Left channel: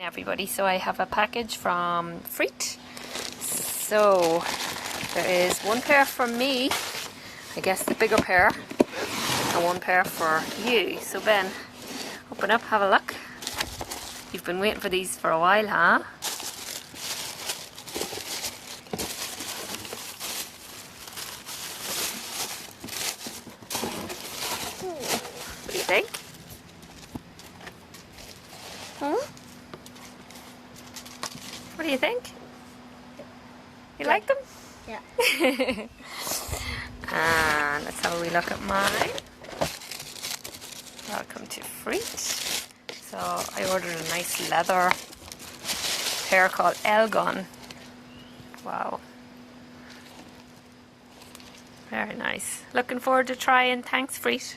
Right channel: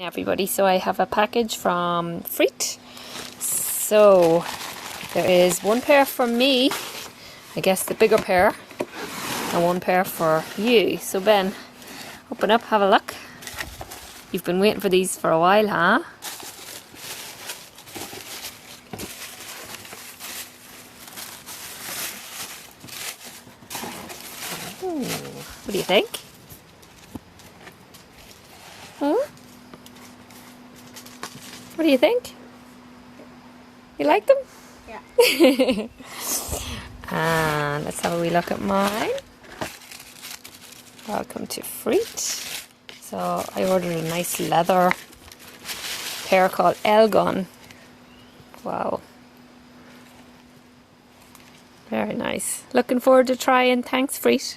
Everybody, so I have a package from Freet. So there is one pair for me, I guess the bigger pair, and one pair for you. So Ben, open up, have a look. You've been waiting for these for a while, huh? What do you think? What do you think? You like them? Yeah. And let's have a wee look at mine. Welcome to Freet. So I ordered a nice leather pair called Elgon. Wow. Very nice. Looking forward to trying. Thanks, Freet.